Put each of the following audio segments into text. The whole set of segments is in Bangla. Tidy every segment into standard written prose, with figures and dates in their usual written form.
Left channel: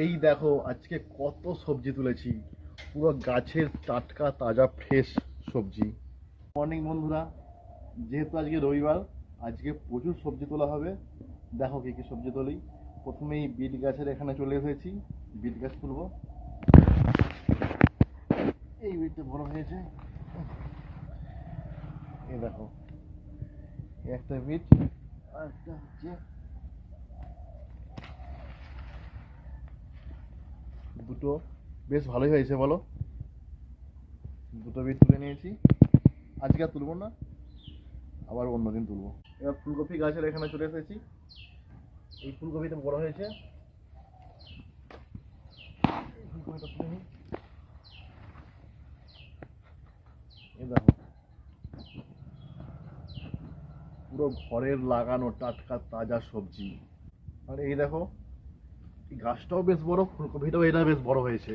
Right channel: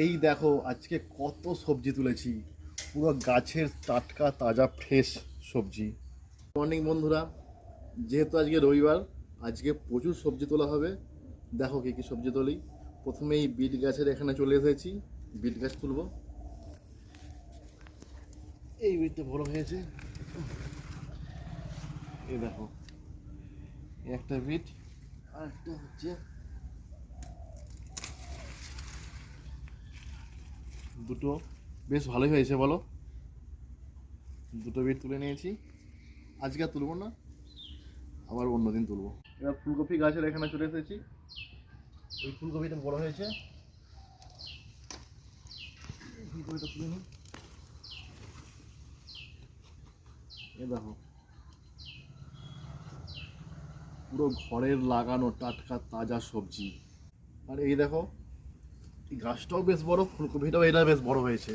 এই দেখো আজকে কত সবজি তুলেছি, পুরো গাছের টাটকা তাজা ফ্রেশ সবজি। মর্নিং বন্ধুরা, যেহেতু আজকে রবিবার, আজকে প্রচুর সবজি তোলা হবে। দেখো কী কী সবজি তুলি। প্রথমেই বিট গাছের এখানে চলে এসেছি, বিট গাছ তুলবো। এই বিটটা বড় হয়েছে, এই দেখো একটা বিট, আর একটা হচ্ছে দুটো, বেশ ভালোই হয়েছে বলো। দুটো বিট তুলে নিয়েছি, আজকে আর তুলবো না, আবার অন্যদিন তুলবো। এবার ফুলকপি গাছের এখানে চলে এসেছি, এই ফুলকপিটা বড় হয়েছে, এই ফুলকপিটা তুলে নিই। এই দেখো পুরো ঘরের লাগানো টাটকা তাজা সবজি। আর এই দেখো এই গাছটাও বেশ বড়, ফুলকপিটাও এটা বেশ বড় হয়েছে।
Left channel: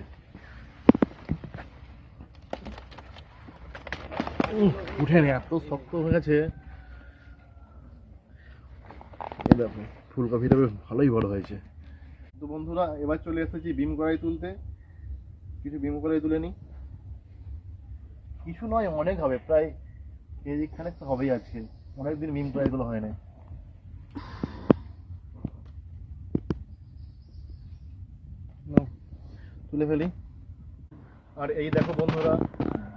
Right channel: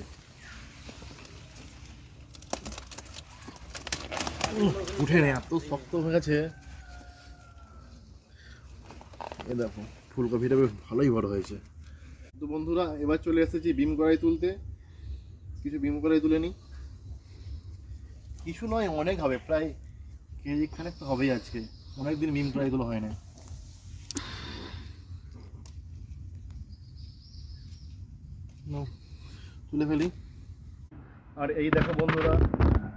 উঠে নে, এত শক্ত হয়ে গেছে। এই দেখো ফুলকপিটা বেশ ভালোই বড় হয়েছে। তো বন্ধুরা, এবার চলে এসেছি বিম কড়াই তুলতে। কিছু বিম কড়াই তুলে নিই, কিছু নয় অনেক হবে, প্রায় কেজি খানেক তো হবেই আজকে। অনেকদিন বিম কড়াইগুলো হয় না। তুলে ফেলি। আর এই দেখো বন্ধুরা,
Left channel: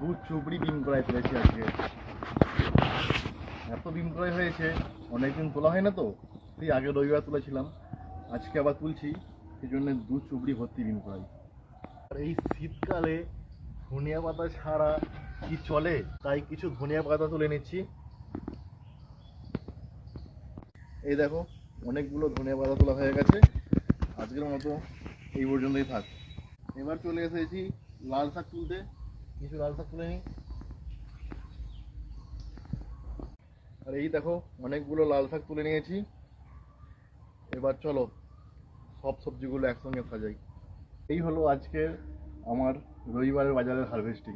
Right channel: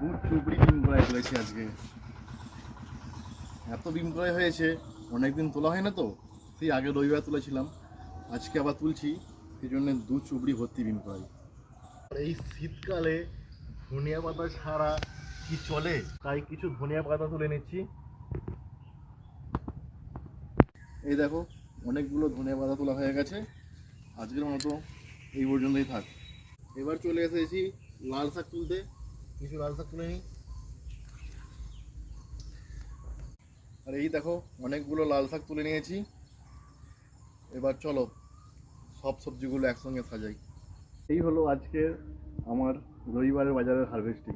দু চুবড়ি বিম কড়াই তুলেছি আজকে। এত বিম কড়াই হয়েছে, অনেকদিন তোলা হয় না তো, সেই আগে রবিবার তুলেছিলাম, আজকে আবার তুলছি, সেই জন্য দু চুবড়ি ভর্তি বিম কড়াই। আর এই শীতকালে ধনিয়া পাতা ছাড়া কি চলে, তাই কিছু ধনিয়া পাতা তুলে নিচ্ছি। এই দেখো অনেকগুলো ধনিয়া পাতা তোলা হয়ে গেছে, আজকের মতো এই পর্যন্তই থাক। এবার চলে এসেছি লাল শাক তুলতে, কিছু লাল শাক তুলে নিই। আর এই দেখো অনেকগুলো লাল শাক তুলে নিয়েছি। এবার চলো সব সবজিগুলো একসঙ্গে সাজাই। এই হলো আজকে আমার রবিবারের বাজারের হারভেস্টিং।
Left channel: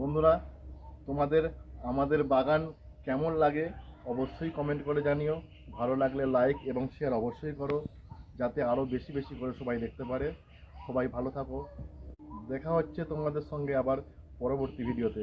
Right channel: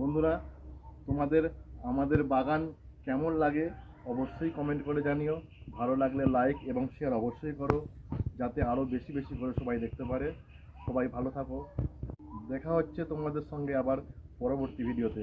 বন্ধুরা, তোমাদের আমাদের বাগান কেমন লাগে অবশ্যই কমেন্ট করে জানিও। ভালো লাগলে লাইক এবং শেয়ার অবশ্যই করো, যাতে আরও বেশি বেশি করে সবাই দেখতে পারে। সবাই ভালো থাকো, দেখা হচ্ছে তোমাদের সঙ্গে আবার পরবর্তী ভিডিওতে।